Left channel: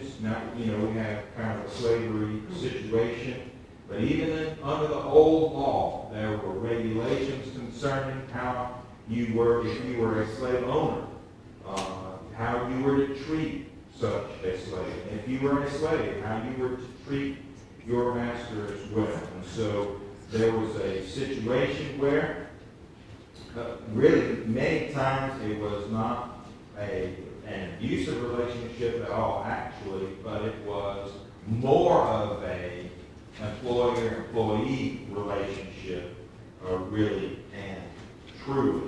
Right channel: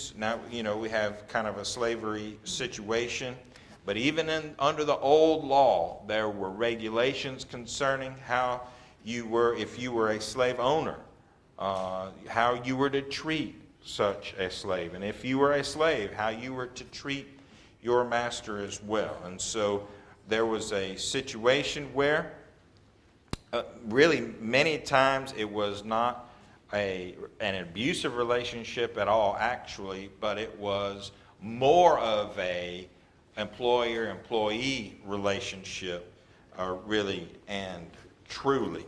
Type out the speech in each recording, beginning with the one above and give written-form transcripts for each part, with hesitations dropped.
regulations. Now, we have kind of a slavery situation. But even under the old law, there were regulations concerning how you were, if you were a slave owner, how you were to treat such a slave. And if you were a slave, how you were to treat your master as well. And so there was a situation where really many times it was not an abusive relationship at all, actually, but it was more of a employer-employee relationship, really and truly.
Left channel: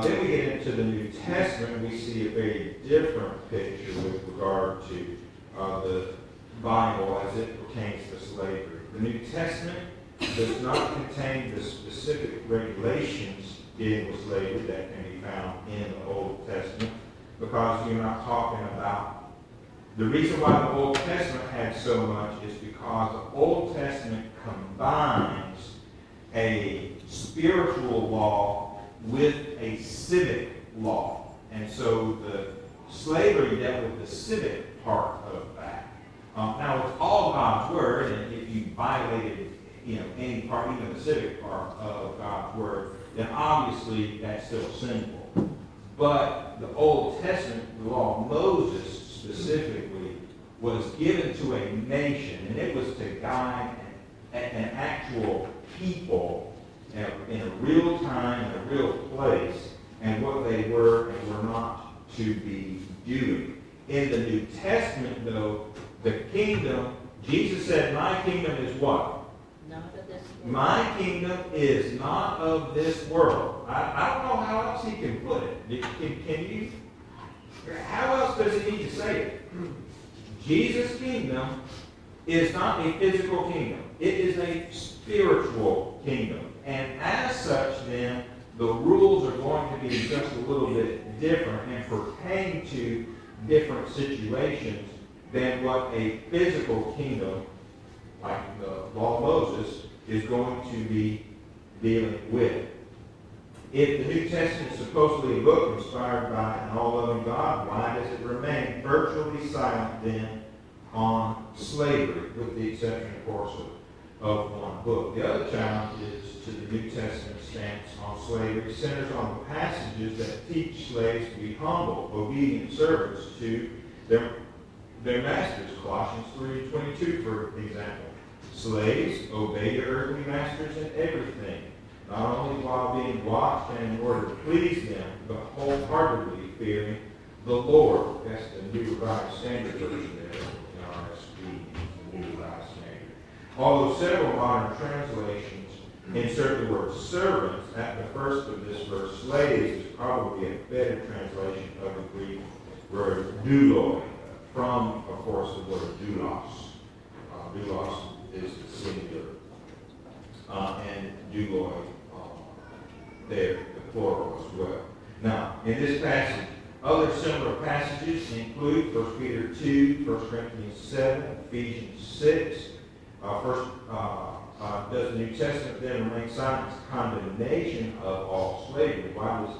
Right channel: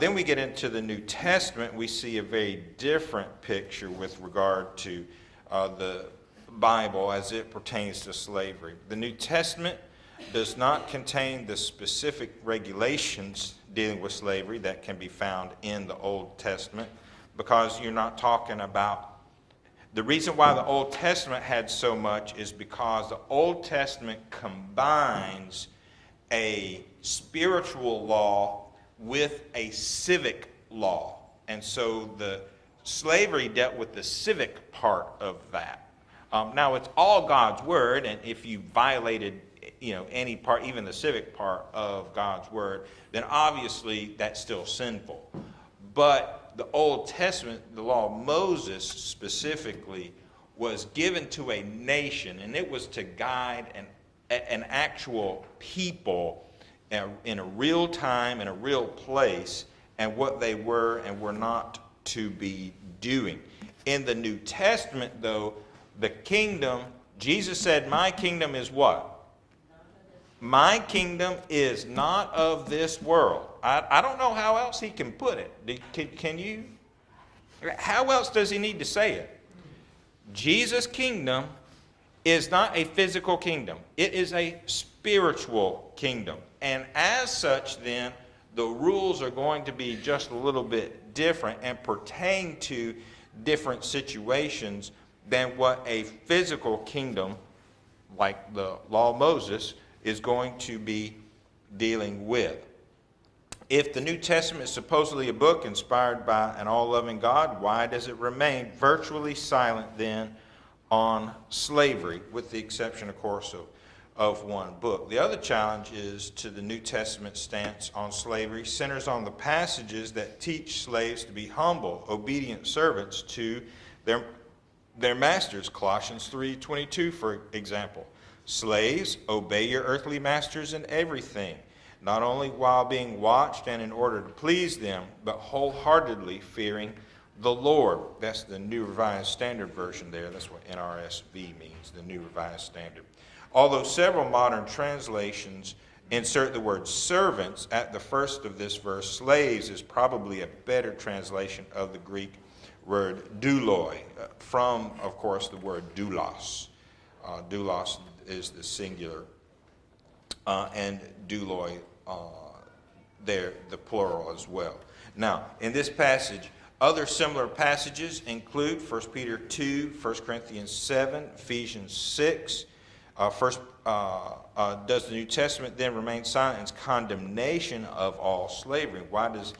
Then we get into the New Testament. We see a very different picture with regard to the Bible as it pertains to slavery. The New Testament does not contain the specific regulations dealing with slavery that can be found in the Old Testament, because you're not talking about. The reason why the Old Testament had so much is because the Old Testament combines a spiritual law with a civic law. And so the slavery dealt with the civic part of that. Now, it's all God's word, and if you violated any part, even the civic part of God's word, then obviously that's still sinful. But the Old Testament, the law of Moses specifically, was given to a nation, and it was to guide an actual people in a real time, in a real place, and what they were and were not to be doing. In the New Testament, though, the kingdom, Jesus said, my kingdom is what? My kingdom is not of this world. I don't know how else he can put it. Can you? How else does he need to say it? Jesus' kingdom is not a physical kingdom. It is a spiritual kingdom. And as such, then, the rules are going to be just a little bit different and pertain to different situations than what a physical kingdom, like the law of Moses, is going to be dealing with. If the New Testament is supposedly a book inspired by an all-loving God, why does it remain virtually silent then on slavery, with the exception, of course, of one book? The other challenge is to the New Testament stance on slavery centers on the passages that teach slaves to be humble, obedient servants to their masters. Colossians 3:22, for example. Slaves, obey your earthly masters in everything, not only while being watched and in order to please them, but wholeheartedly fearing the Lord. That's the New Revised Standard Version there. That's what NRSV means, the New Revised Standard. Although several modern translations insert the word servants at the first of this verse, slaves is probably a better translation of the Greek word douloi, from, of course, the word doulos. Doulos is the singular, and douloi, there, the plural as well. Now, in this passage, other similar passages include 1 Peter 2, 1 Corinthians 7, Ephesians 6. Does the New Testament then remain silent? Its condemnation of all slavery. Why does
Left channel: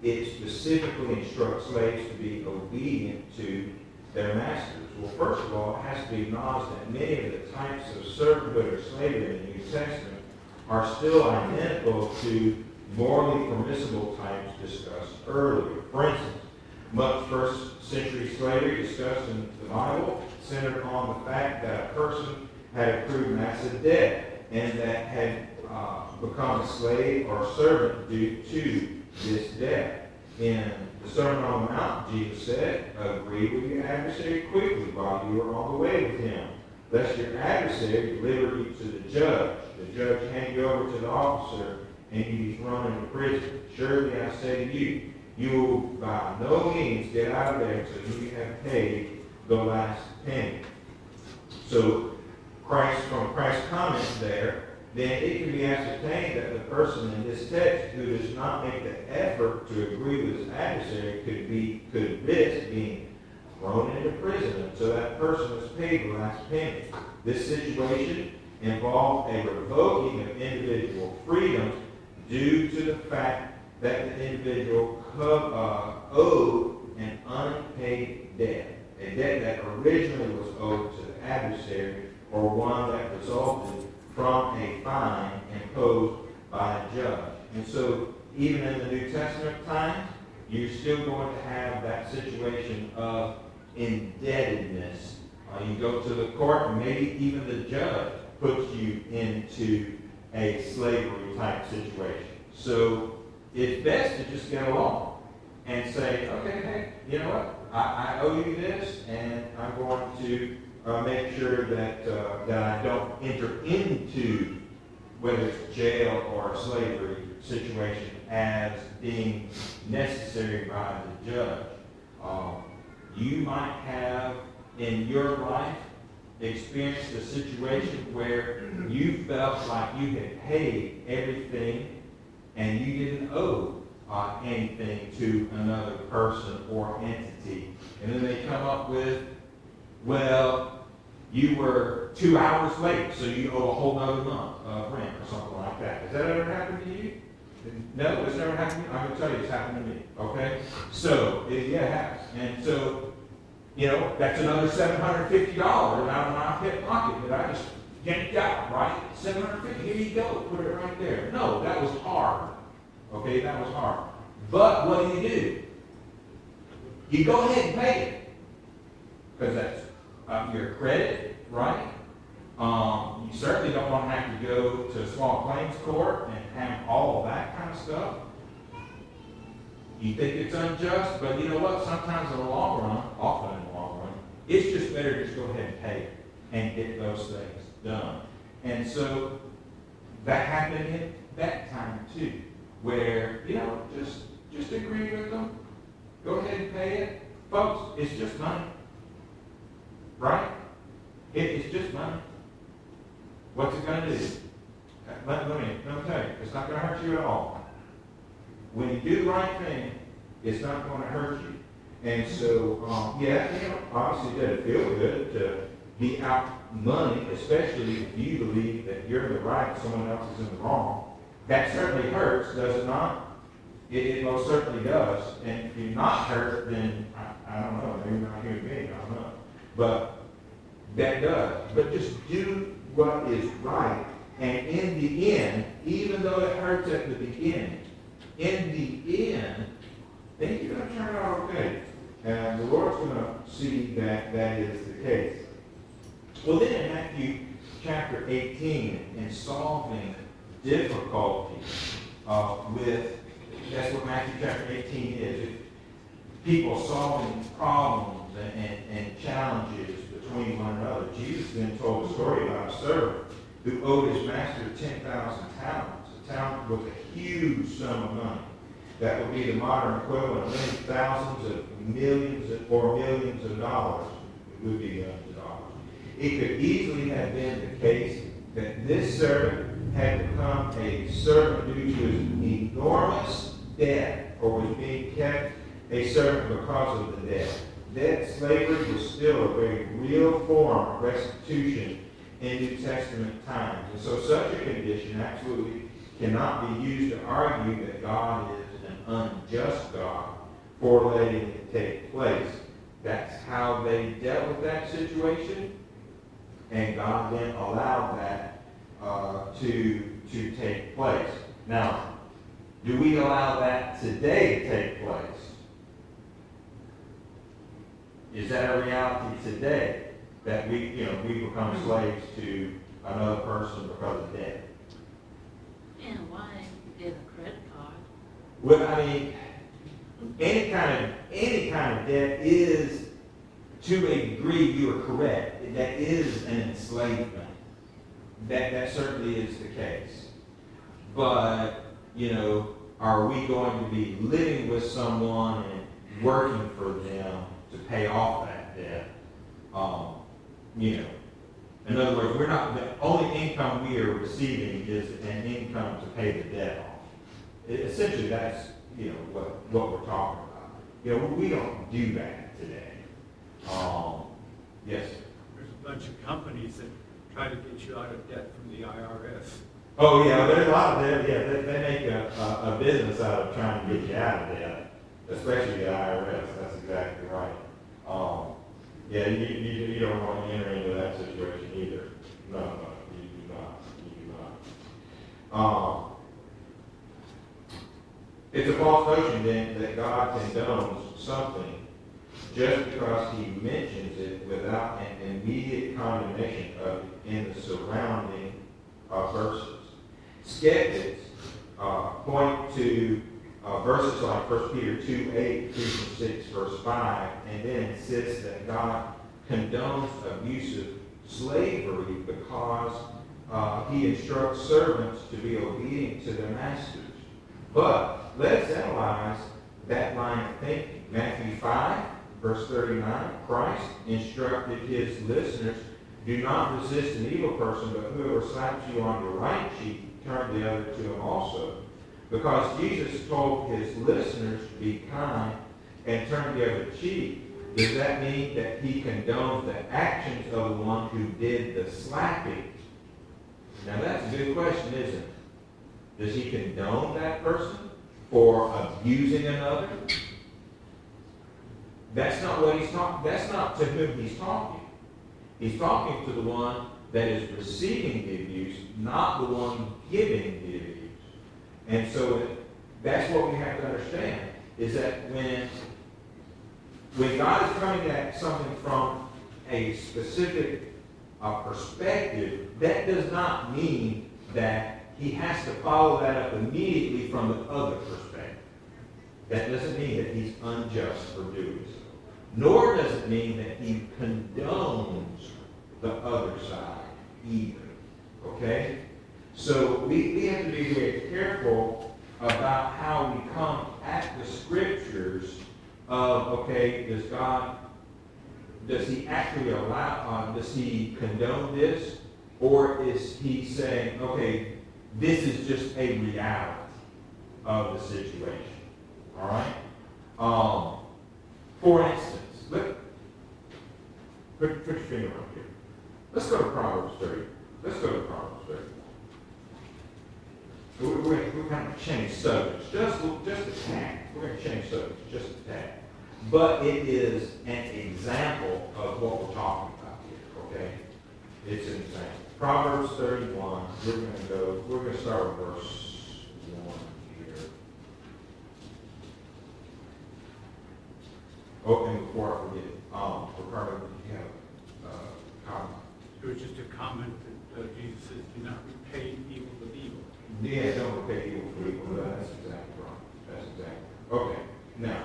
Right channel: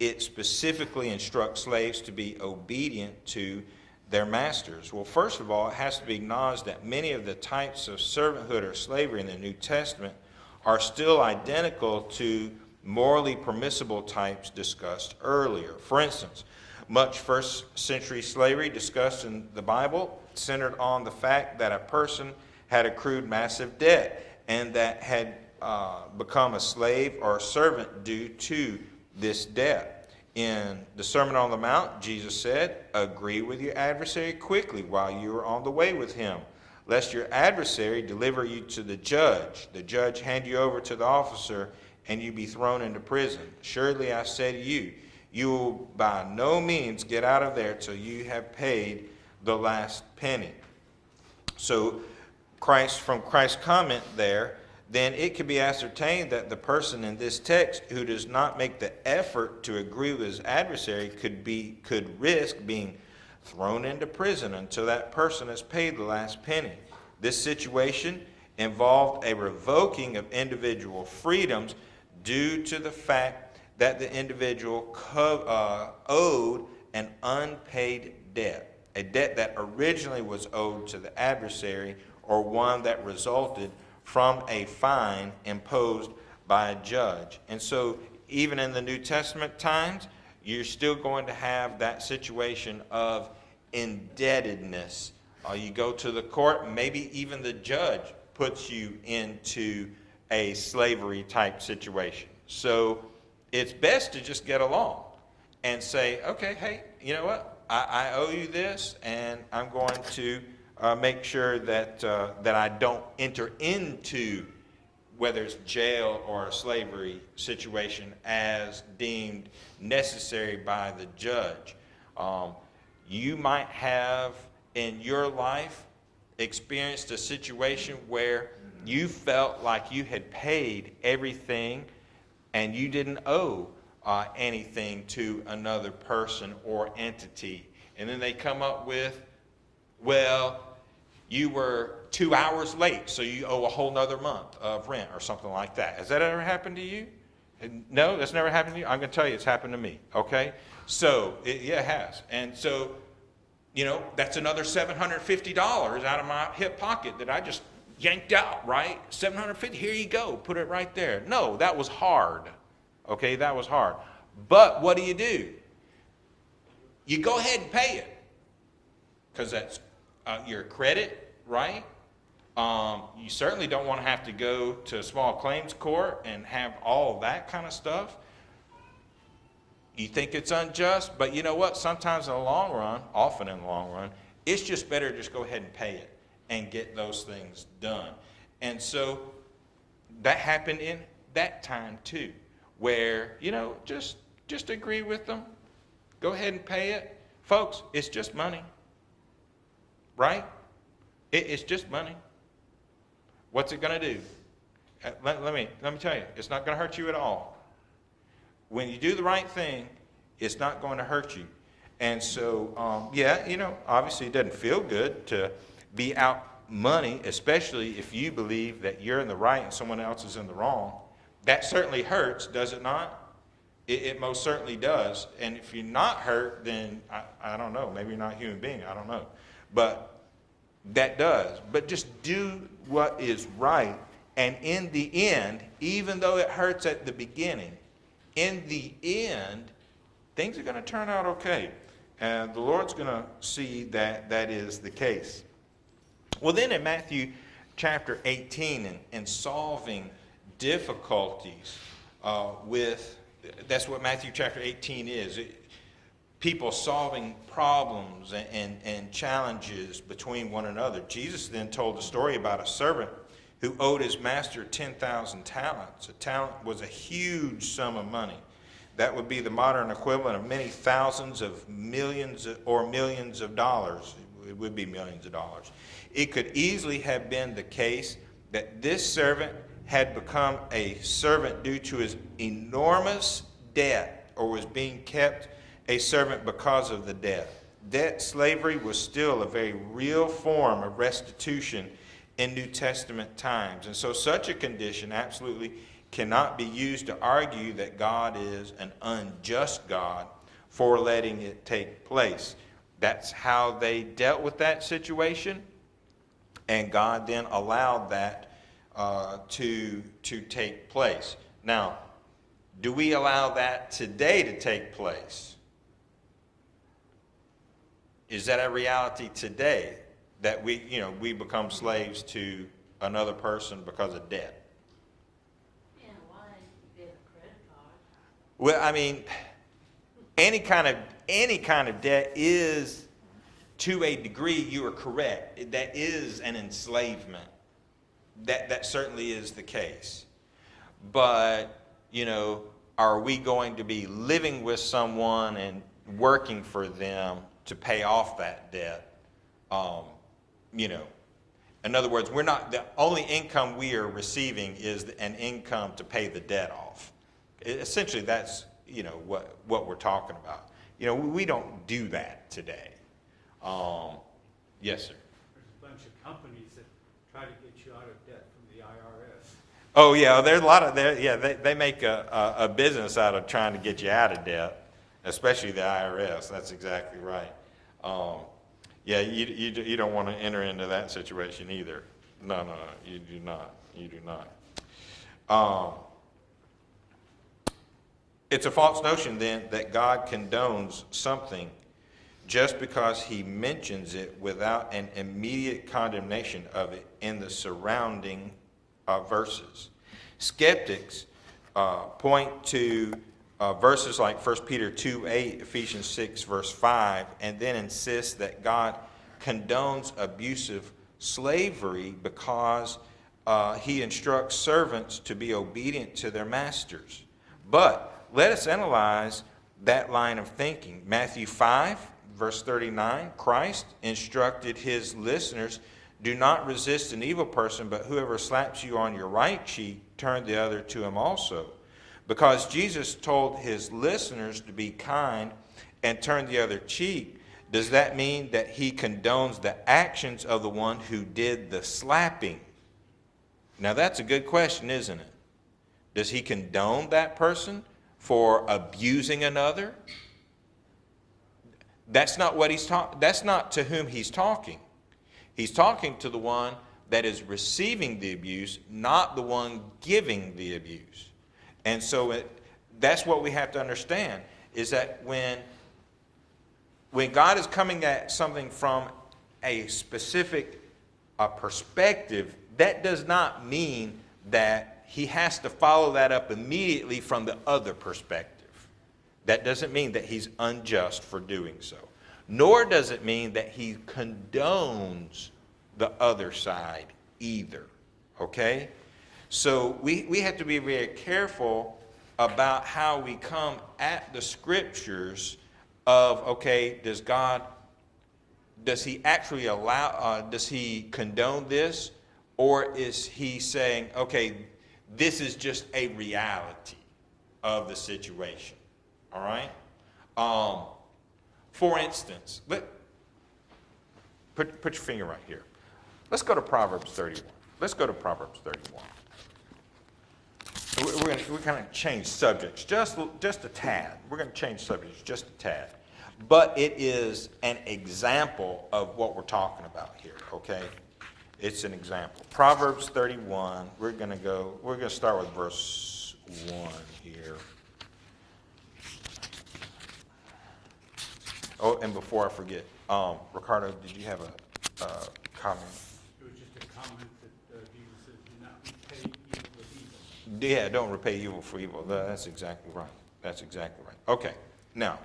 it specifically instruct slaves to be obedient to their masters? Well, first of all, it has to be acknowledged that many of the types of servanthood or slavery in the New Testament are still identical to morally permissible types discussed earlier. For instance, much first century slavery discussed in the Bible centered on the fact that a person had accrued massive debt and that had become a slave or a servant due to this debt. In the Sermon on the Mount, Jesus said, agree with your adversary quickly while you are on the way with him, lest your adversary deliver you to the judge hand you over to the officer, and you be thrown into prison. Surely I say to you, you will by no means get out of there until you have paid the last penny. So from Christ's comment there, then it can be ascertained that the person in this text who does not make the effort to agree with his adversary could risk being thrown into prison until that person has paid the last penny. This situation involved a revoking of individual freedoms due to the fact that the individual owed an unpaid debt. a debt that originally was owed to the adversary, or one that resulted from a fine imposed by a judge. And so even in the New Testament times, you're still going to have that situation of indebtedness. You go to the court, and maybe even the judge puts you into a slavery type situation. So it's best to just get along and say, okay, hey, you know what? I owe you this, and I'm going to make sure that I don't enter into, whether it's jail or a slavery situation, as deemed necessary by the judge. You might have in your life experienced a situation where you felt like you had paid everything and you didn't owe anything to another person or entity. And then they come up with, well, you were 2 hours late, so you owe a whole other month of rent or something like that. Has that ever happened to you? No, that's never happened to you? I'm going to tell you it's happened to me, okay? So, it has. And so, you know, that's another $750 out of my hip pocket that I just yanked out, right? $750, here you go, put it right there. No, that was hard, okay? That was hard. But what do? You go ahead and pay it, because that's your credit, right? You certainly don't want to have to go to a small claims court and have all of that kind of stuff. You think it's unjust, but you know what? Sometimes in the long run, often in the long run, it's just better to just go ahead and pay it and get those things done. And so that happened in that time too, where, you know, just agree with them, go ahead and pay it. Folks, it's just money, right? It's just money. What's it going to do? Let me tell you, it's not going to hurt you at all. When you do the right thing, it's not going to hurt you. And so, yeah, you know, obviously it doesn't feel good to be out money, especially if you believe that you're in the right and someone else is in the wrong. That certainly hurts, does it not? It most certainly does. And if you're not hurt, then I don't know, maybe you're not a human being, I don't know. But that does. But just do what is right. And in the end, even though it hurts at the beginning, in the end, things are going to turn out okay. And the Lord's going to see that that is the case. Well, then in Matthew chapter 18, in solving difficulties that's what Matthew chapter 18 is. People solving problems and challenges between one another. Jesus then told a story about a servant who owed his master 10,000 talents. A talent was a huge sum of money. That would be the modern equivalent of many thousands of millions or millions of dollars. It would be millions of dollars. It could easily have been the case that this servant had become a servant due to his enormous debt, or was being kept a servant because of the debt. Debt slavery was still a very real form of restitution in New Testament times. And so such a condition absolutely cannot be used to argue that God is an unjust God for letting it take place. That's how they dealt with that situation, and God then allowed that to take place. Now, do we allow that today to take place? Is that a reality today, that we become slaves to another person because of debt? Yeah, why get a credit card? Well, I mean, any kind of debt is, to a degree, you are correct. That is an enslavement. That certainly is the case. But, are we going to be living with someone and working for them to pay off that debt? In other words, the only income we are receiving is an income to pay the debt off. Essentially, that's, what we're talking about. We don't do that today. Yes? There's a bunch of companies that try to get you out of debt from the IRS. Oh yeah, there's a lot of they make a business out of trying to get you out of debt, especially the IRS. That's exactly right. Yeah, you don't want to enter into that situation either. No, you do not. You do not. It's a false notion then that God condones something just because he mentions it without an immediate condemnation of it in the surrounding verses. Skeptics point to verses like 1 Peter 2:8, Ephesians 6, verse 5, and then insist that God condones abusive slavery because he instructs servants to be obedient to their masters. But let us analyze that line of thinking. Matthew 5, verse 39, Christ instructed his listeners, do not resist an evil person, but whoever slaps you on your right cheek, turn the other to him also. Because Jesus told his listeners to be kind and turn the other cheek, does that mean that he condones the actions of the one who did the slapping? Now that's a good question, isn't it? Does he condone that person for abusing another? That's not what he's talking. That's not to whom he's talking. He's talking to the one that is receiving the abuse, not the one giving the abuse. And so that's what we have to understand, is that when God is coming at something from a specific perspective, that does not mean that he has to follow that up immediately from the other perspective. That doesn't mean that he's unjust for doing so. Nor does it mean that he condones the other side either. Okay? So we have to be very careful about how we come at the scriptures of, okay, does he actually allow, does he condone this? Or is he saying, okay, this is just a reality of the situation? All right? For instance, put your finger right here. Let's go to Proverbs 30. Let's go to Proverbs 31. We're going to change subjects just a tad. We're going to change subjects just a tad. But it is an example of what we're talking about here, okay? It's an example. Proverbs 31, we're going to start with verse 1 here. Oh, and before I forget, Ricardo, did you have a comment? It was just a comment that Jesus says, do not repay evil with evil. Yeah, don't repay evil for evil. That's exactly right. That's exactly right. Okay, now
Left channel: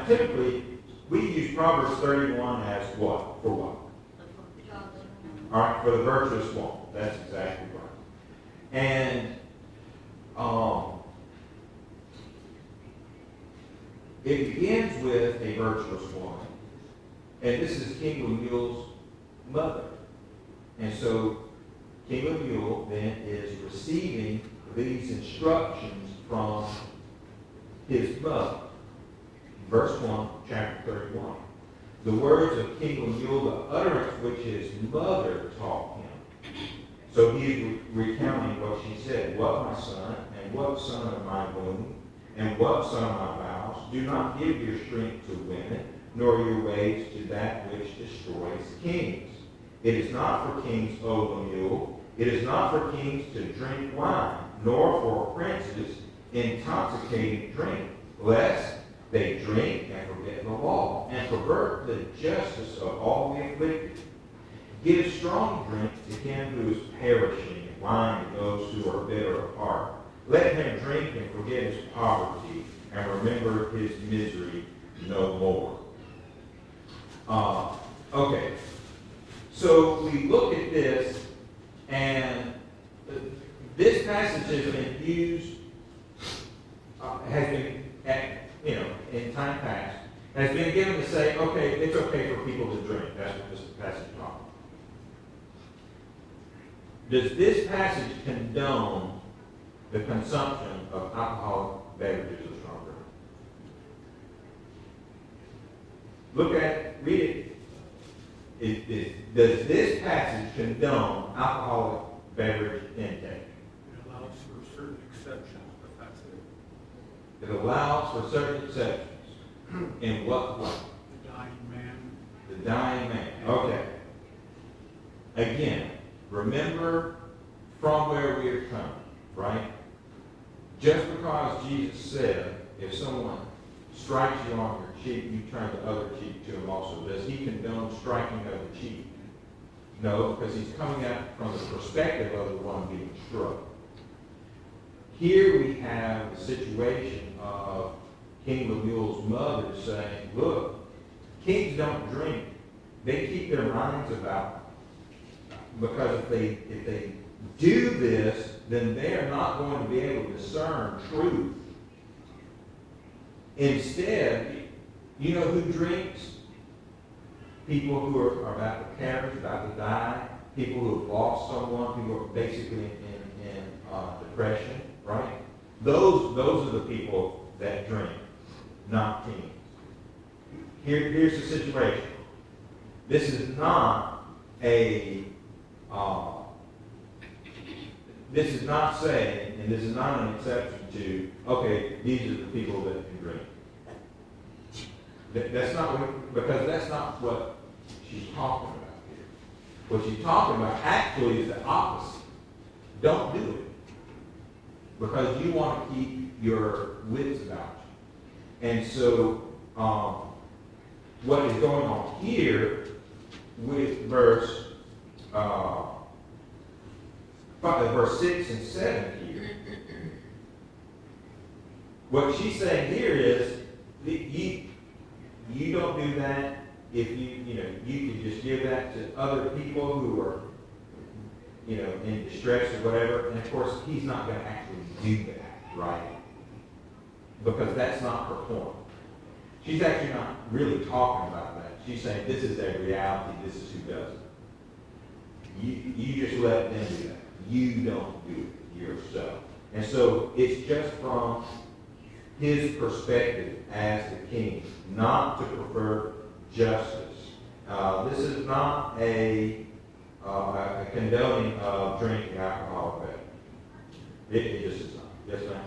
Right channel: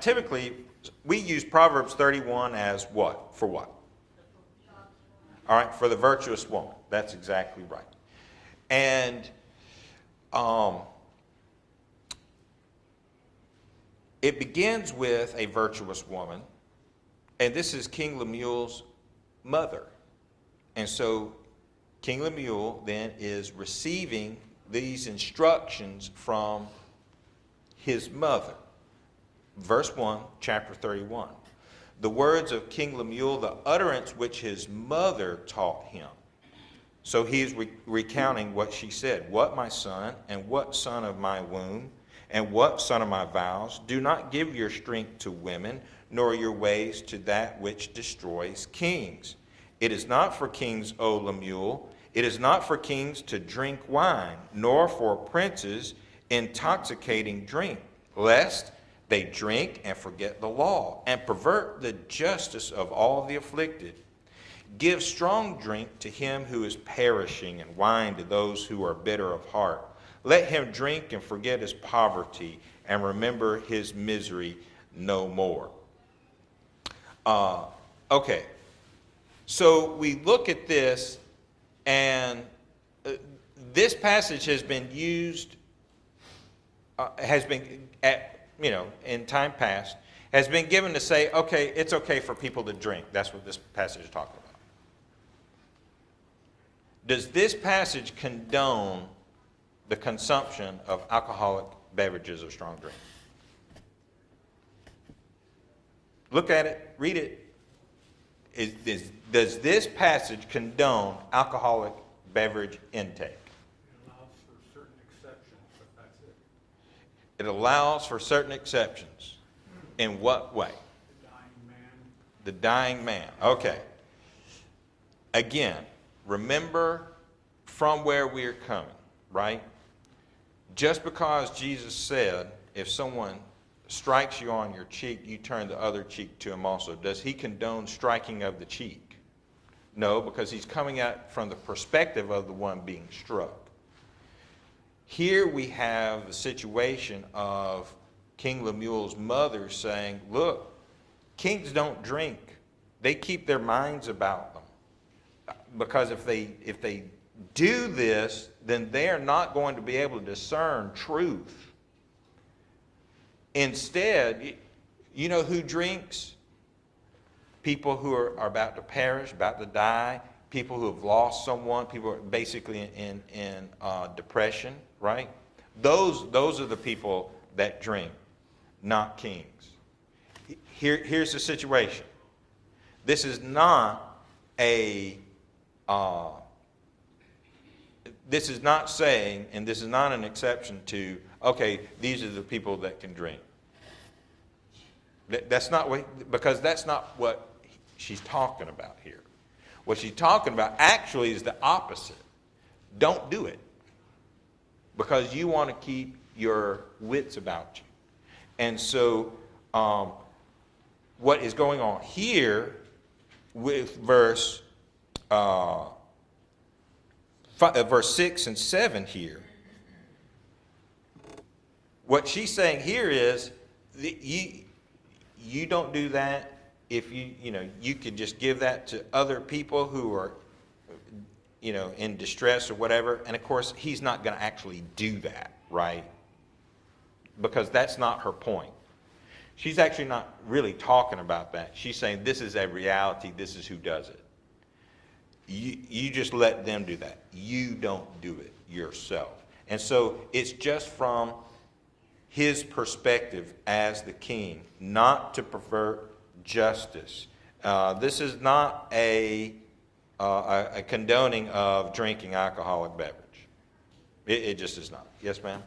typically we use Proverbs 31 as what? For what? All right, for the virtuous woman. That's exactly right. And it begins with a virtuous woman. And this is King Lemuel's mother. And so King Lemuel then is receiving these instructions from his mother. Verse 1, chapter 31. The words of King Lemuel, the utterance which his mother taught him. So he's recounting what she said. What, my son, and what son of my womb, and what son of my vows, do not give your strength to women, nor your ways to that which destroys kings. It is not for kings, O Lemuel. It is not for kings to drink wine, nor for princes intoxicating drink, lest they drink and forget the law, and pervert the justice of all the afflicted. Give strong drink to him who is perishing, and wine to those who are bitter of heart. Let him drink and forget his poverty, and remember his misery no more. Okay, so we look at this, and this passage has been used, in time past, has been given to say, okay, it's okay for people to drink. That's what this passage is talking about. Does this passage condone the consumption of alcoholic beverages or strong drink? Look at it, read it. Does this passage condone alcoholic beverage intake? It allows for certain exceptions, but that's it. It allows for certain exceptions. In what way? The dying man The dying man. Okay. Again, remember from where we're coming, right? Just because Jesus said, if someone strikes you on your cheek, you turn the other cheek to him also. Does he condone striking of the cheek? No, because he's coming at it from the perspective of the one being struck. Here we have a situation of King Lemuel's mother saying, look, kings don't drink. They keep their minds about them. Because if they do this, then they're not going to be able to discern truth. Instead, you know who drinks? People who are about to perish, about to die, people who have lost someone, people who are basically in depression, right? Those are the people that drink, not kings. Here's the situation. This is not this is not saying, and this is not an exception to, okay, these are the people that can drink. That's not what, because that's not what she's talking about here. What she's talking about actually is the opposite. Don't do it. Because you want to keep your wits about you. And so, what is going on here with verse 6 and 7 here, what she's saying here is that you don't do that if you could just give that to other people who are in distress or whatever. And of course, he's not going to actually do that, right? Because that's not her point. She's actually not really talking about that. She's saying this is a reality. This is who does it. You just let them do that. You don't do it yourself. And so it's just from his perspective as the king, not to prefer justice. This is not a condoning of drinking alcoholic beverage. It just is not. Yes, ma'am?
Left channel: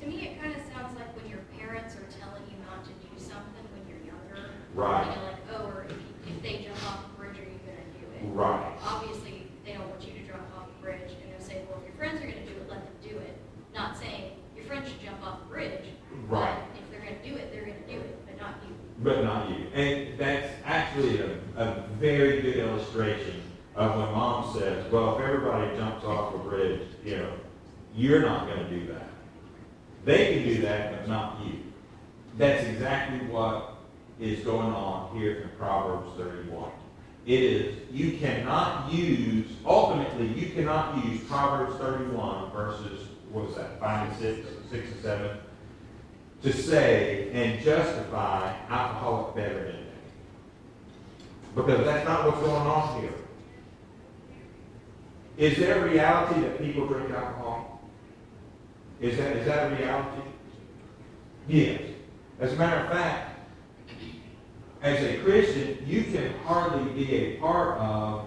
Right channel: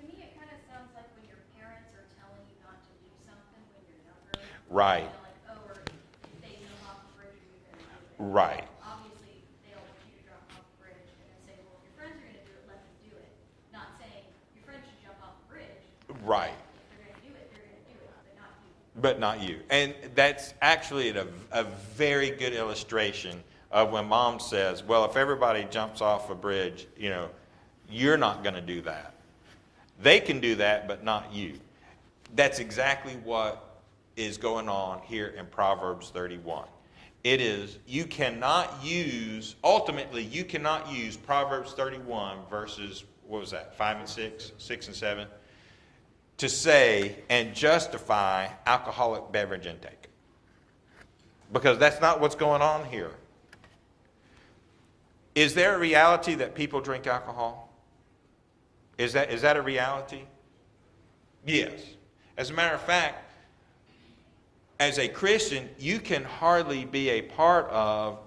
To me, it kind of sounds like when your parents are telling you not to do something when you're younger. Right. Like, oh, or if they jump off the bridge, are you going to do it? Right. Obviously, they don't want you to jump off the bridge, and they'll say, well, if your friends are going to do it, let them do it. Not saying your friends should jump off the bridge. Right. But if they're going to do it, they're going to do it, but not you. But not you. And that's actually a very good illustration of when mom says, well, if everybody jumps off a bridge, you're not going to do that. They can do that, but not you. That's exactly what is going on here in Proverbs 31. It is, ultimately, you cannot use Proverbs 31 verses, 5 and 6 and 7, to say and justify alcoholic beverage intake. Because that's not what's going on here. Is there a reality that people drink alcohol? Is that a reality? Yes. As a matter of fact, as a Christian, you can hardly be a part of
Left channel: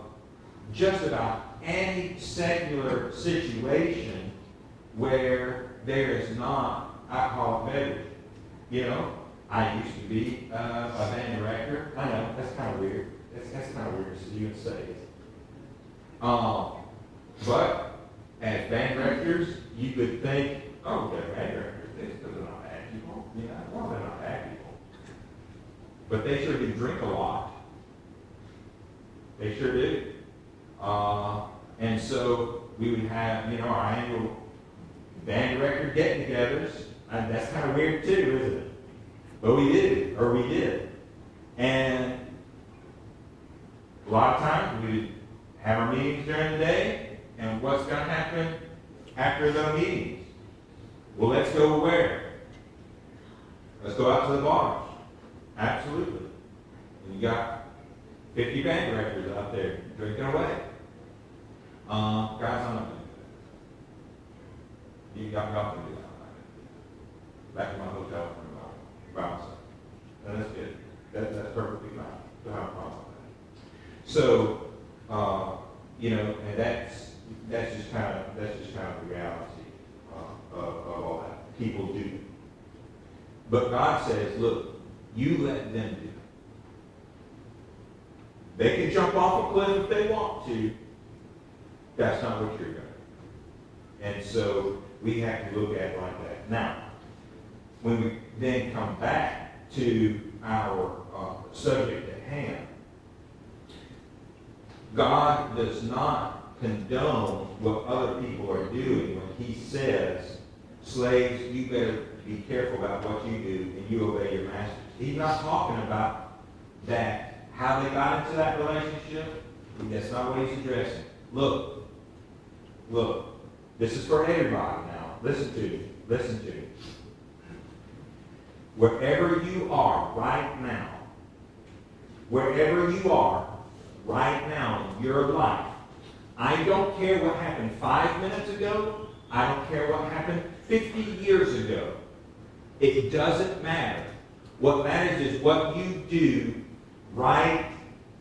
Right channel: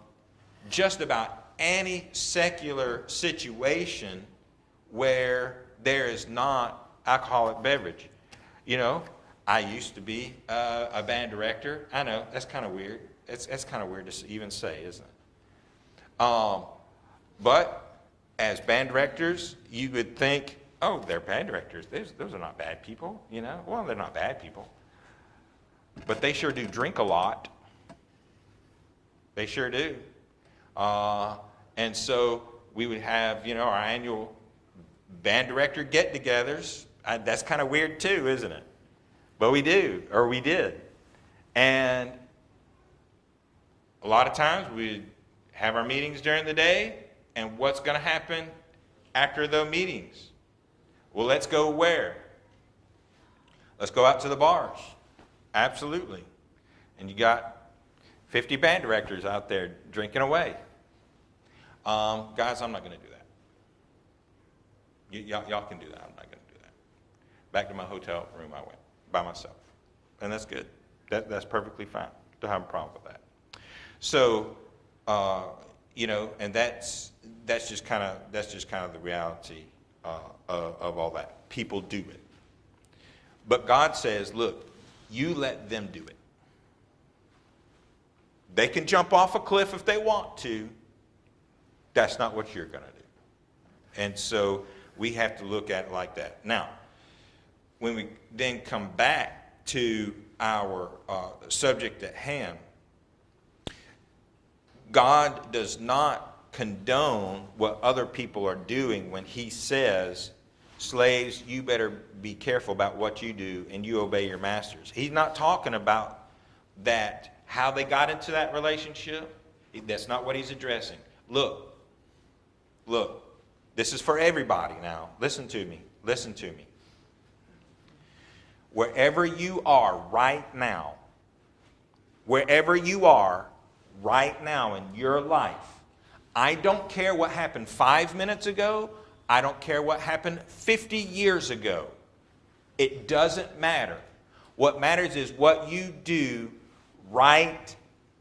just about any secular situation where there is not alcoholic beverage. I used to be a band director. I know, that's kind of weird. That's kind of weird to even say, isn't it? But as band directors, you would think, oh, they're band directors. Those are not bad people, Well, they're not bad people. But they sure do drink a lot. They sure do. And so we would have, our annual band director get-togethers. And that's kind of weird too, isn't it? But we do, or we did. And a lot of times we have our meetings during the day, and what's going to happen after those meetings? Well, let's go where? Let's go out to the bars. Absolutely. And you got 50 band directors out there drinking away. Guys, I'm not going to do that. Y'all can do that. I'm not going to do that. Back in my hotel room by myself. And that's good. That's perfectly fine. Don't have a problem with that. So, and that's just kind of the reality of all that. People do it. But God says, look, you let them do it. They can jump off a cliff if they want to. That's not what you're going to do. And so we have to look at it like that. Now, when we then come back to our subject at hand, God does not condone what other people are doing when he says, slaves, you better be careful about what you do and you obey your masters. He's not talking about that, how they got into that relationship. That's not what he's addressing. Look, this is for everybody now. Listen to me. Wherever you are right now in your life, I don't care what happened 5 minutes ago. I don't care what happened 50 years ago. It doesn't matter. What matters is what you do right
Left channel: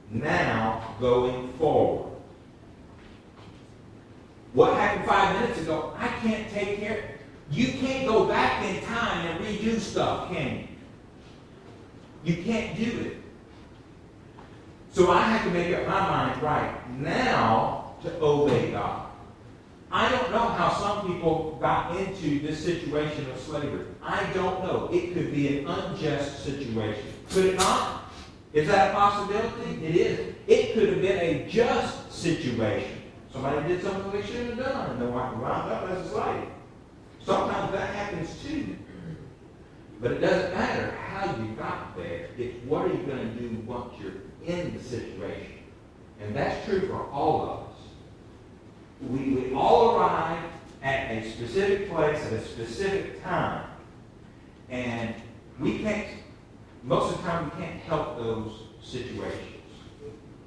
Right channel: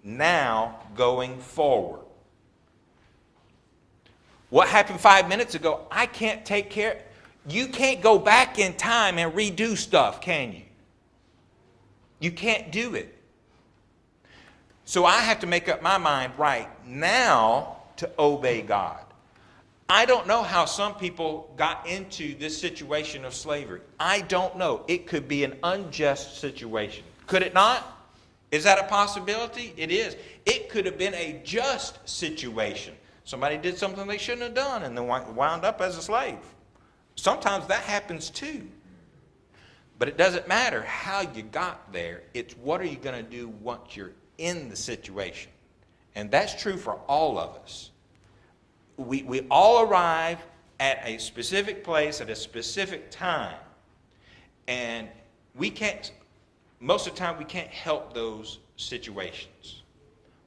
now going forward. What happened 5 minutes ago, I can't take care of. You can't go back in time and redo stuff, can you? You can't do it. So I have to make up my mind right now to obey God. I don't know how some people got into this situation of slavery. I don't know. It could be an unjust situation. Could it not? Is that a possibility? It is. It could have been a just situation. Somebody did something they shouldn't have done and then wound up as a slave. Sometimes that happens too. But it doesn't matter how you got there. It's what are you going to do once you're in the situation. And that's true for all of us. We all arrive at a specific place at a specific time. And most of the time we can't help those situations.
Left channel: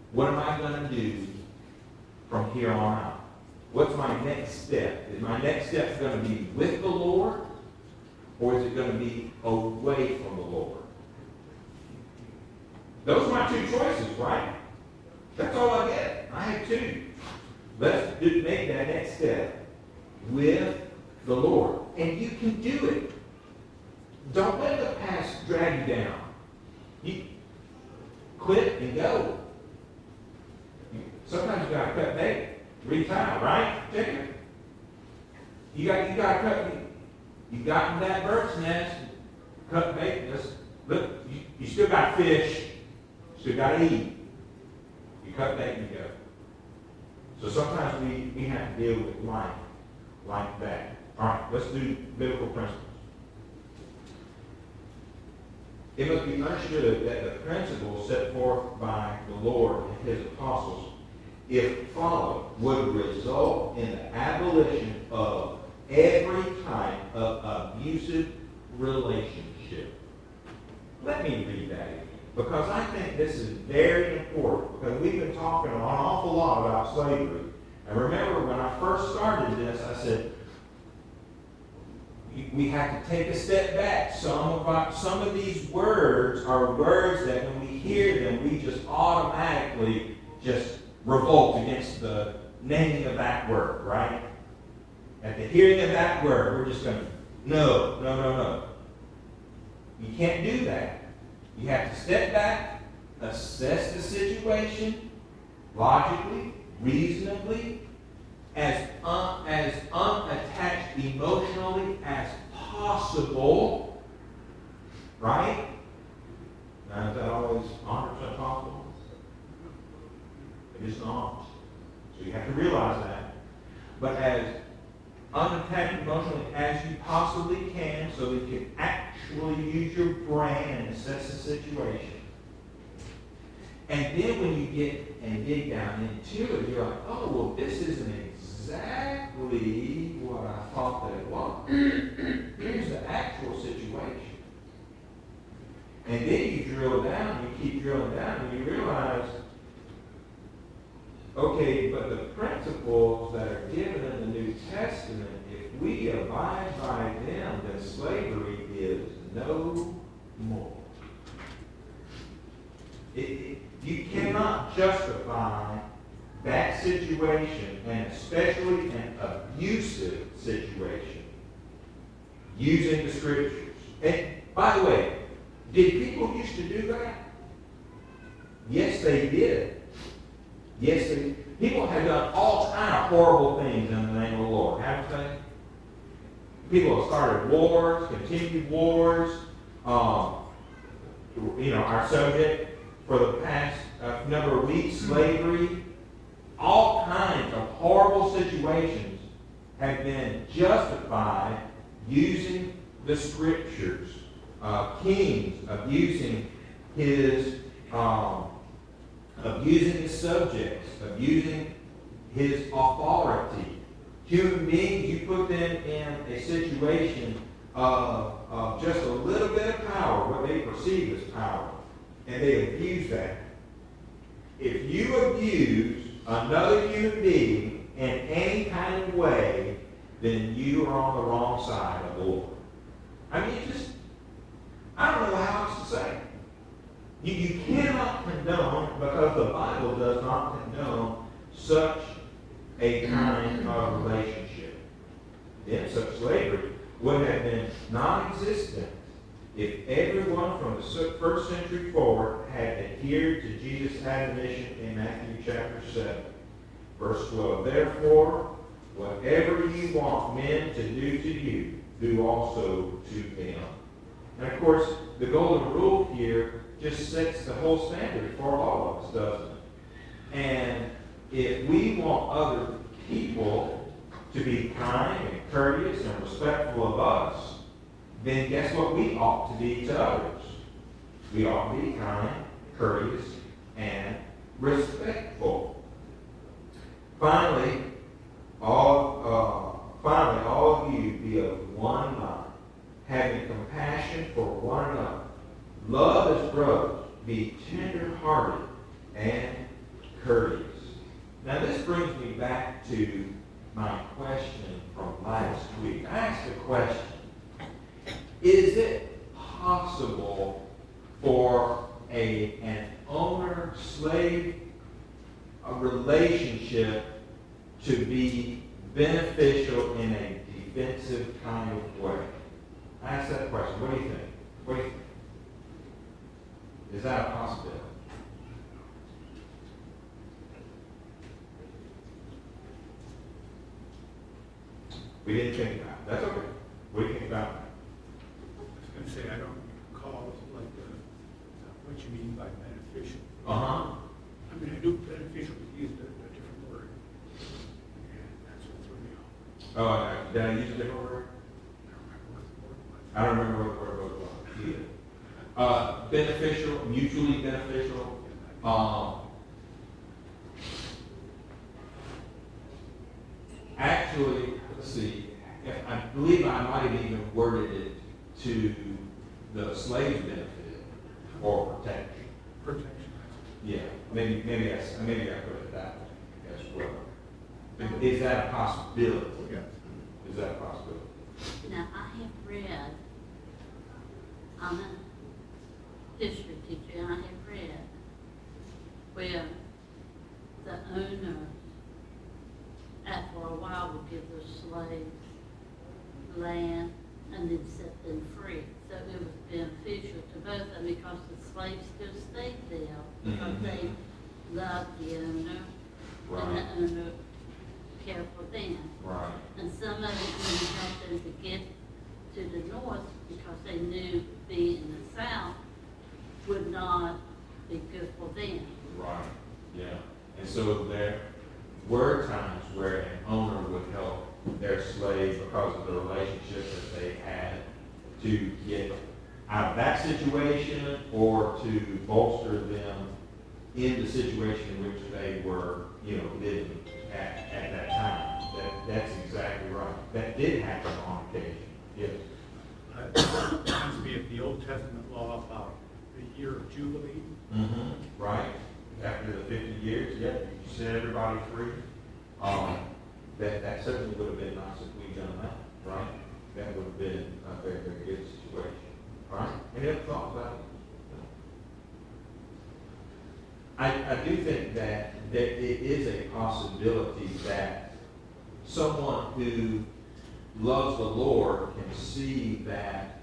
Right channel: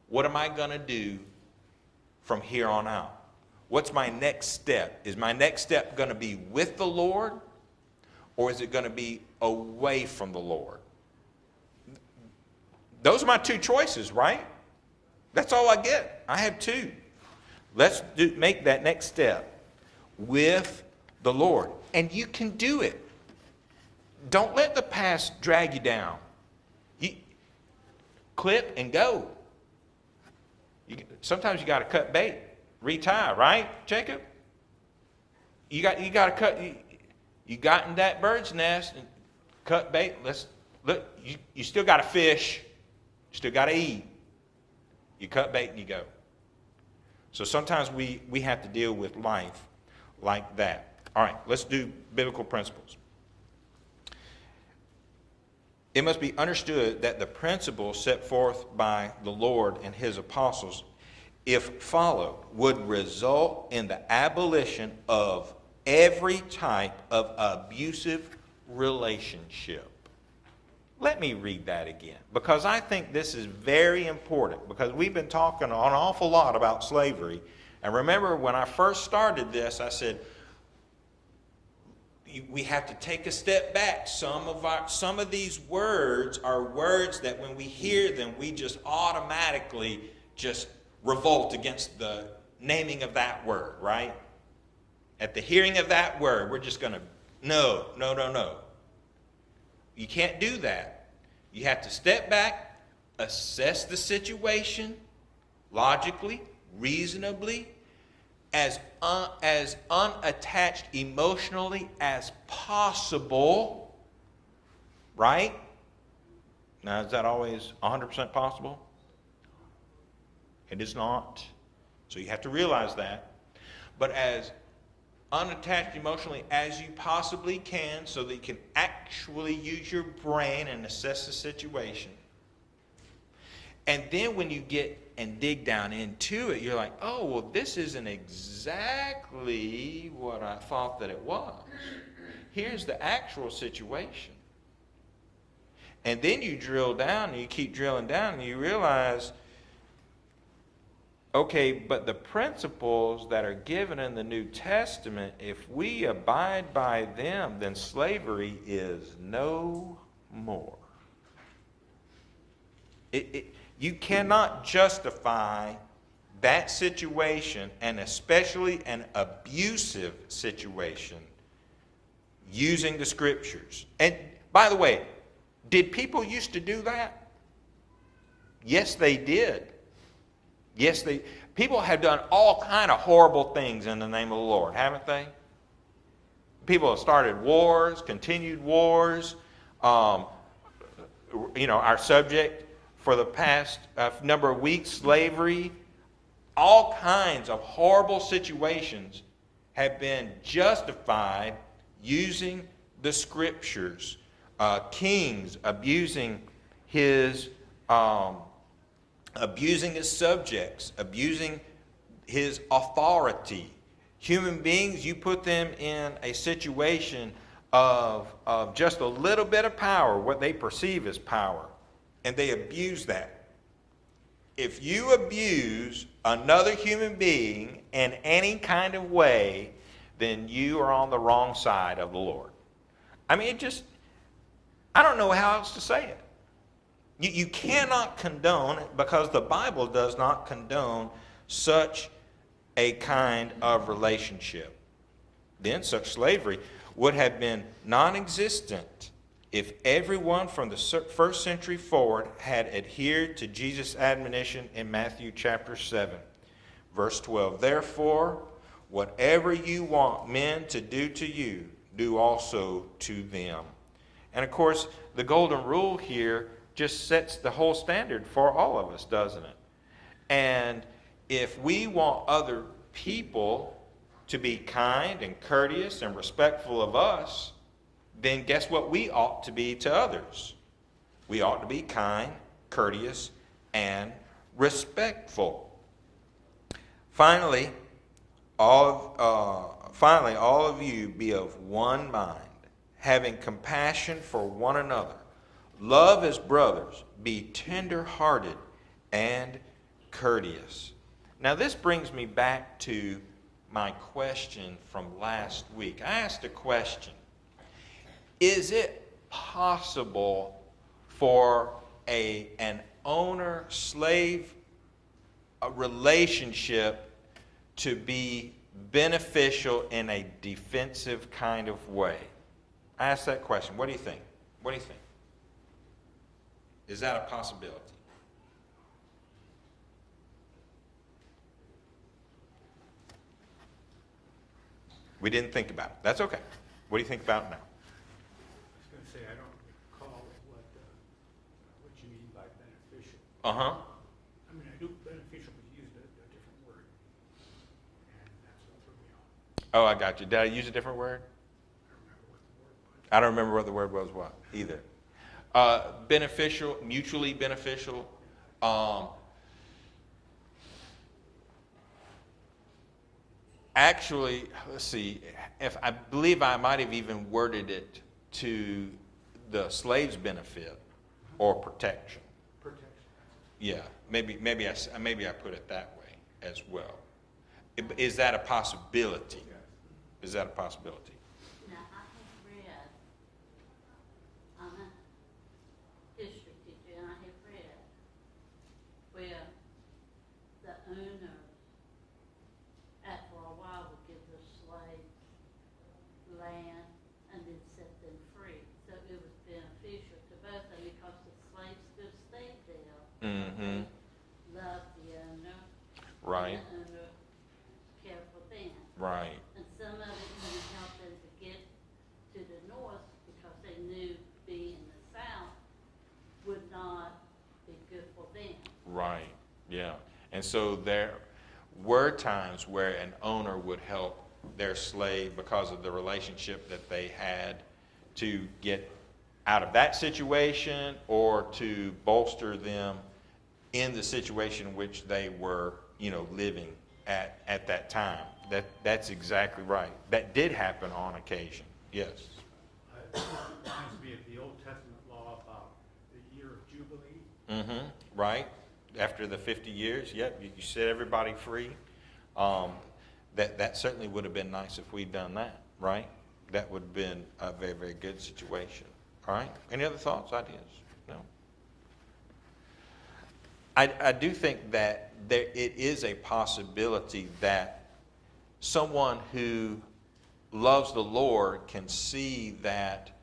What am I going to do from here on out? What's my next step? Is my next step going to be with the Lord, or is it going to be away from the Lord? Those are my two choices, right? That's all I get. I have two. Let's make that next step with the Lord. And you can do it. Don't let the past drag you down. You clip and go. Sometimes you got to cut bait, retie, right, Jacob? You got to cut. You got in that bird's nest, cut bait. Look. You still got to fish. You still got to eat. You cut bait and you go. So sometimes we have to deal with life like that. All right, let's do biblical principles. It must be understood that the principles set forth by the Lord and his apostles, if followed, would result in the abolition of every type of abusive relationship. Let me read that again, because I think this is very important, because we've been talking an awful lot about slavery. And remember, when I first started this, I said, we have to take a step back. Some of these words are words that when we hear them, we just automatically just revolt against the naming of that word, right? At the hearing of that word, we're just going to, no. You can't do that. You have to step back, assess the situation logically, reasonably, as unattached emotionally as possible, right? Now, is that always 100% possible? It is not. So you have to realize that. But as unattached emotionally as you possibly can, so that you can actually use your brain and assess the situation. And then when you get and dig down into it, you're like, oh, well, this isn't exactly what I thought that it was. Here's the actual situation. And then you drill down, and you keep drilling down, and you realize, okay, but the principles that are given in the New Testament, if we abide by them, then slavery is no more. You cannot justify that situation, and especially an abusive situation, using the scriptures. And by the way, did people used to do that? Yes, they did. Yes, people have done all kind of horrible things in the name of the Lord, haven't they? People have started wars, continued wars. Our subject for the past number of weeks, slavery. All kinds of horrible situations have been justified using the scriptures. Kings abusing his subjects, abusing his authority. Human beings, you put them in a situation of just a little bit of power, what they perceive as power, and they abuse that. If you abuse another human being in any kind of way, then you are on the wrong side of the Lord. I mean, I don't know how else to say it. You cannot condone, because the Bible does not condone such a kind of relationship. Then such slavery would have been non-existent if everyone from the first century forward had adhered to Jesus' admonition in Matthew chapter 7, verse 12. Therefore, whatever you want men to do to you, do also to them. And of course, the golden rule here just sets the whole standard for all of us, doesn't it? And if we want other people to be kind and courteous and respectful of us, then guess what we ought to be to others? We ought to be kind, courteous, and respectful. Finally, all of you be of one mind, having compassion for one another. Love as brothers, be tender-hearted and courteous. Now this brings me back to my question from last week. I asked a question. Is it possible for an owner-slave relationship to be beneficial in a defensive kind of way? I asked that question. What do you think? What do you think? Is that a possibility? We didn't think about it. That's okay. What do you think about it now? I was going to say, I don't recall what you mean by beneficial. Uh-huh. I mean, I knew beneficial was used a different word. And that's what threw me off. Oh, I got you. Did I use a different word? I don't remember what the word was. I don't remember what the word was either. Beneficial, mutually beneficial. Actually, let's see. I believe I might have even worded it to the slave's benefit or protection. Protection. Yeah, maybe I put it that way as well. Is that a possibility? Yes. Is that a possibility? Now, I have read, I'm a history teacher, and I have read where the owner, after a while, would give the slaves land and then set them free. So it was beneficial to both of them because the slaves still stayed there because they loved the owner. Right. And the owner cared for them. Right. And some of it didn't help them to get to the north because they knew being in the south would not be good for them. Right. Yeah. And so there were times where an owner would help their slave because of the relationship that they had to get out of that situation or to bolster them in the situation in which they were, living at that time. That's exactly right. That did happen on occasion. Yes. It used to be in the Old Testament law about the year of Jubilee. Mm-hmm. Right. After the 50 years, you set everybody free. That certainly would have been nice if we'd done that, right? That would have been a very, very good situation. All right? Any other thoughts, ideas? No. I do think that it is a possibility that someone who loves the Lord can see that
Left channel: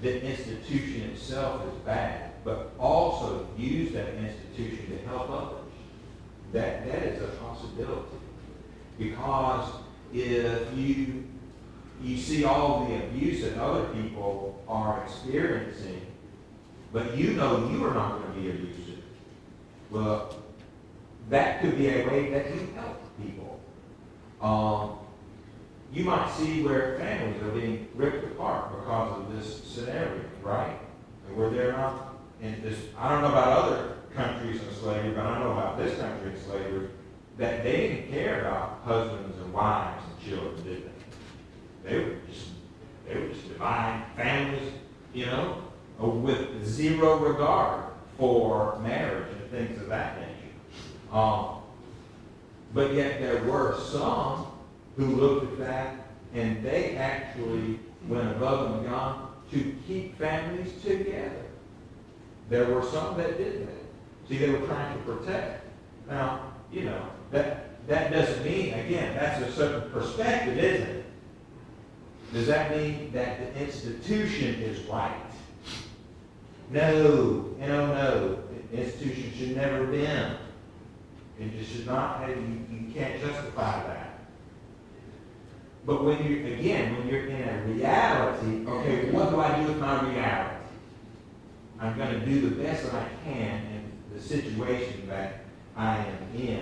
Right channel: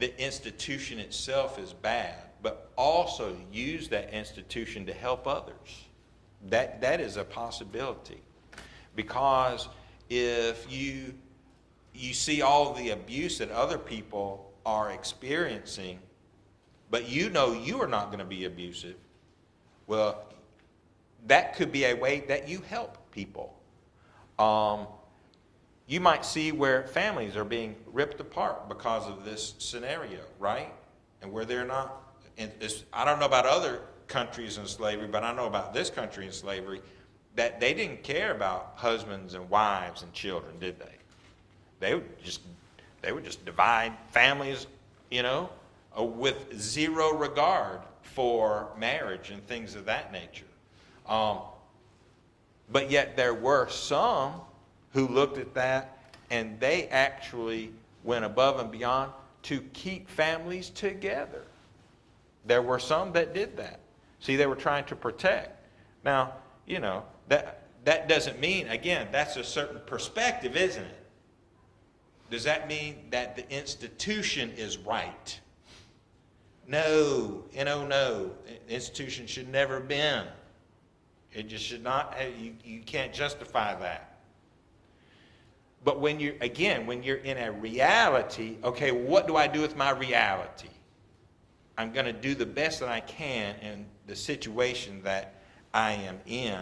the institution itself is bad but also use that institution to help others. That is a possibility. Because if you see all the abuse that other people are experiencing, but you know you are not going to be abusive, well, that could be a way that you help people. You might see where families are being ripped apart because of this scenario, right? And where they're not, in this, I don't know about other countries in slavery, but I know about this country in slavery, that they didn't care about husbands and wives and children, did they? They would just divide families, with zero regard for marriage and things of that nature. But yet there were some who looked at that and they actually went above and beyond to keep families together. There were some that did that. See, they were trying to protect. Now, that doesn't mean, again, that's a certain perspective, isn't it? Does that mean that the institution is right? No, no. The institution should never have been. It just should not have, you can't justify that. But when you're in a reality, okay, what do I do with my reality? I'm going to do the best that I can in the situation that I am in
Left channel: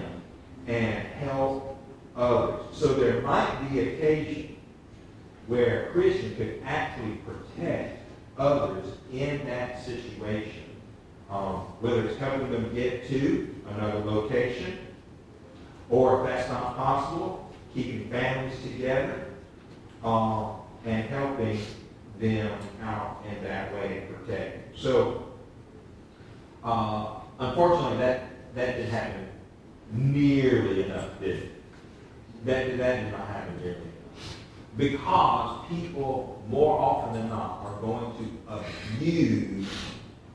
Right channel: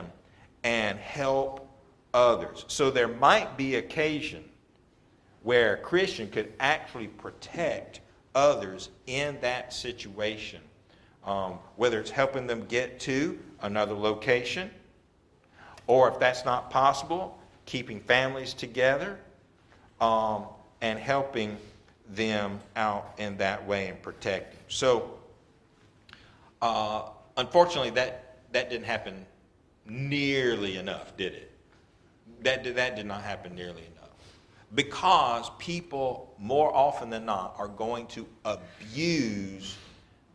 and help others. So there might be occasion where a Christian could actually protect others in that situation. Whether it's helping them get to another location, or if that's not possible, keeping families together, and helping them out in that way and protecting. So, unfortunately, that didn't happen nearly enough, did it? That did not happen nearly enough. Because people, more often than not, are going to abuse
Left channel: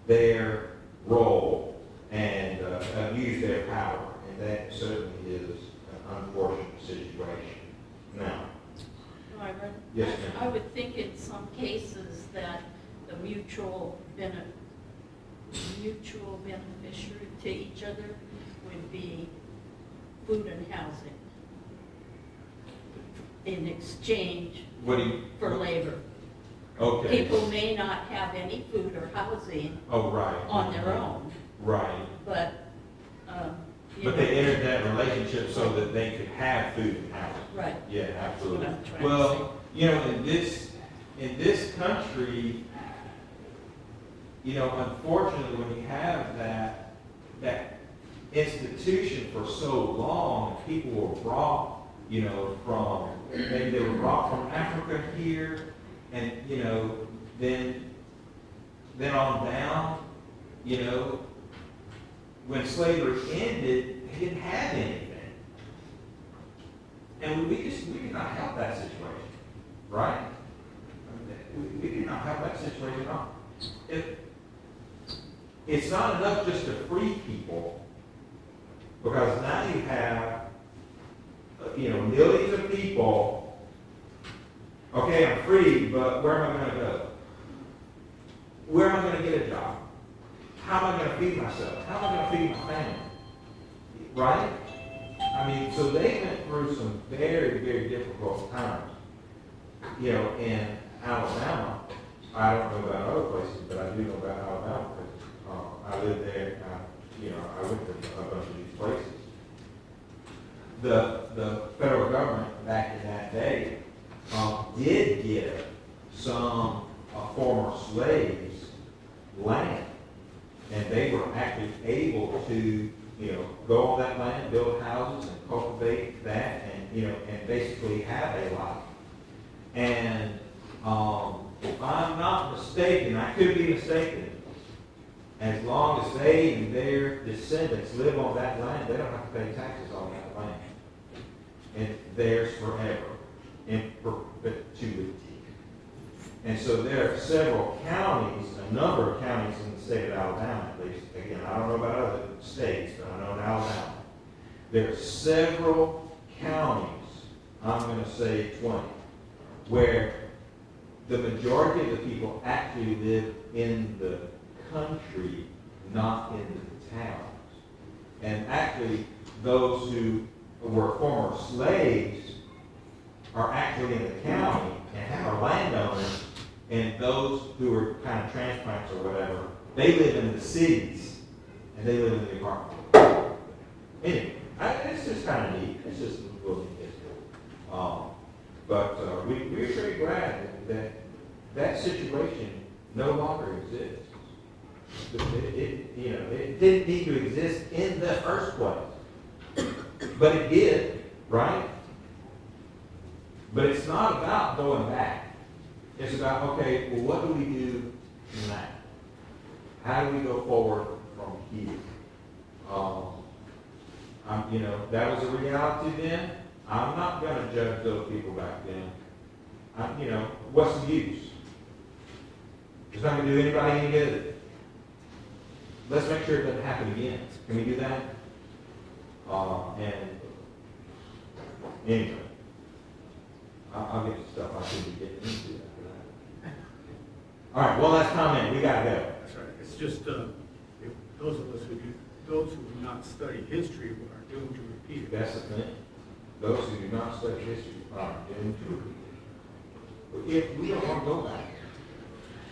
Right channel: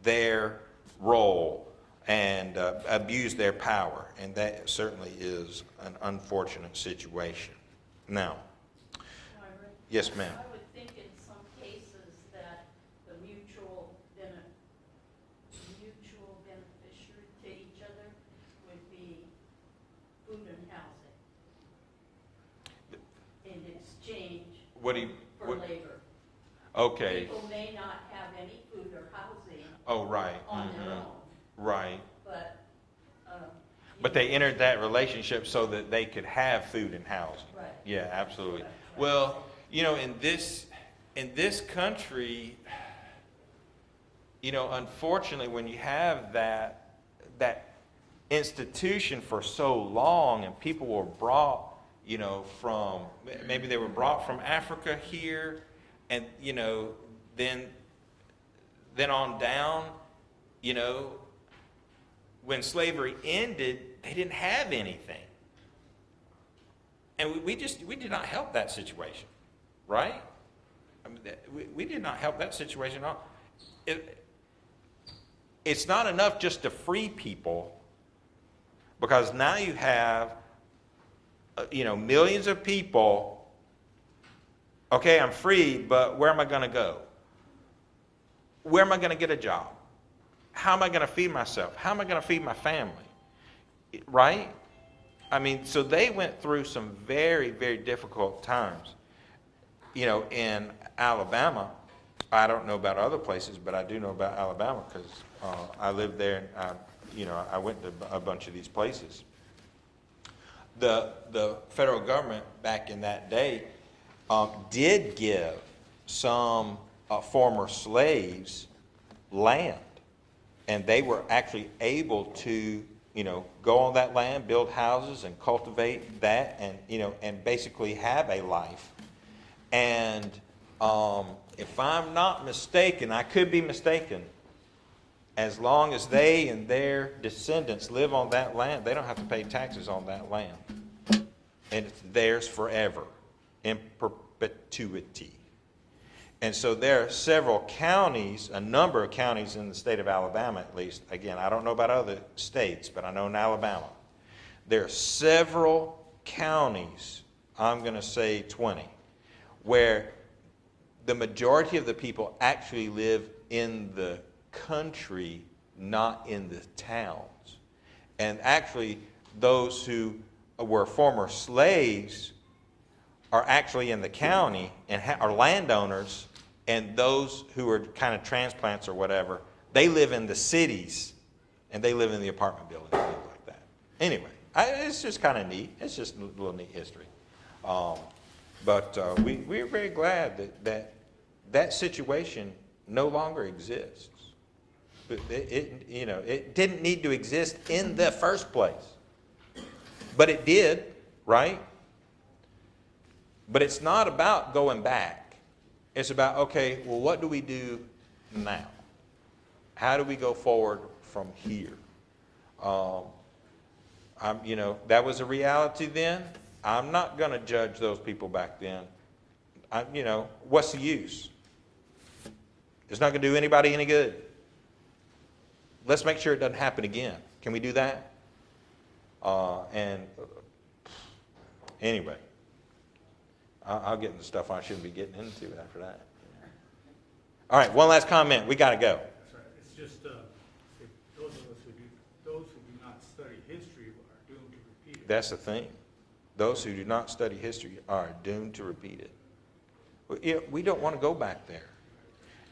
their role and abuse their power. And that certainly is an unfortunate situation. Now, Myron? Yes, ma'am. I would think in some cases that the mutual beneficiary to each other would be food and housing in exchange for labor. Okay. People may not have any food or housing Oh, right. on their own, Right. but. But they entered that relationship so that they could have food and housing. Right. Yeah, absolutely. That's what I'm trying to Well, in this country, unfortunately, when you have that institution for so long, and people were brought, from, maybe they were brought from Africa here, and, then on down, when slavery ended, they didn't have anything. And we did not help that situation, right? We did not help that situation at all. It's not enough just to free people, because now you have, millions of people. Okay, I'm free, but where am I going to go? Where am I going to get a job? How am I going to feed myself? How am I going to feed my family? Right? So they went through some very, very difficult times. In Alabama, I don't know about other places, but I do know about Alabama because I lived there. I went to a bunch of these places. The federal government back in that day did give some former slaves land. And they were actually able to, go on that land, build houses and cultivate that and basically have a life. And if I'm not mistaken, I could be mistaken, as long as they and their descendants live on that land, they don't have to pay taxes on that land. And it's theirs forever, in perpetuity. And so there are several counties, a number of counties in the state of Alabama at least. Again, I don't know about other states, but I know in Alabama. There are several counties, I'm going to say 20, where the majority of the people actually live in the country, not in the towns. And actually, those who were former slaves are actually in the county and are landowners, and those who are kind of transplants or whatever, they live in the cities, and they live in the apartment buildings. Like that. Anyway, it's just kind of neat. It's just a little neat history. But we're very glad that situation no longer exists. It didn't need to exist in the first place. But it did, right? But it's not about going back. It's about, okay, well, what do we do now? How do we go forward from here? That was a reality then. I'm not going to judge those people back then. What's the use? It's not going to do anybody any good. Let's make sure it doesn't happen again. Can we do that? And anyway, I'll get to stuff I shouldn't be getting into after that. All right, one last comment. We got to go. That's right. It's just, if those of us those who do not study history are doomed to repeat it. That's the thing. Those who do not study history are doomed to repeat it. But if we don't want to go back there.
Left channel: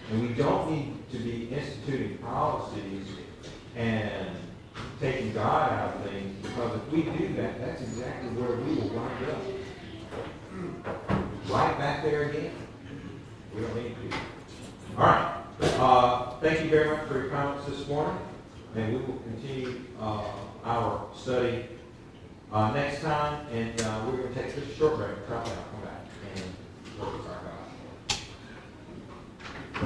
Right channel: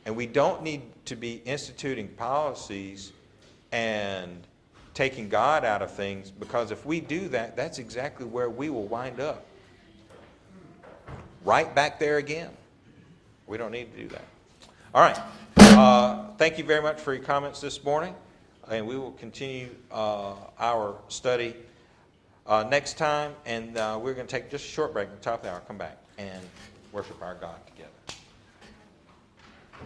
And we don't need to be instituting policies and taking God out of things, because if we do that, that's exactly where we will wind up. Right back there again. We don't need to do that. All right. Thank you very much for your comments this morning. And we will continue our study next time. And we're going to take just a short break. We'll talk, and I'll come back and work with our God.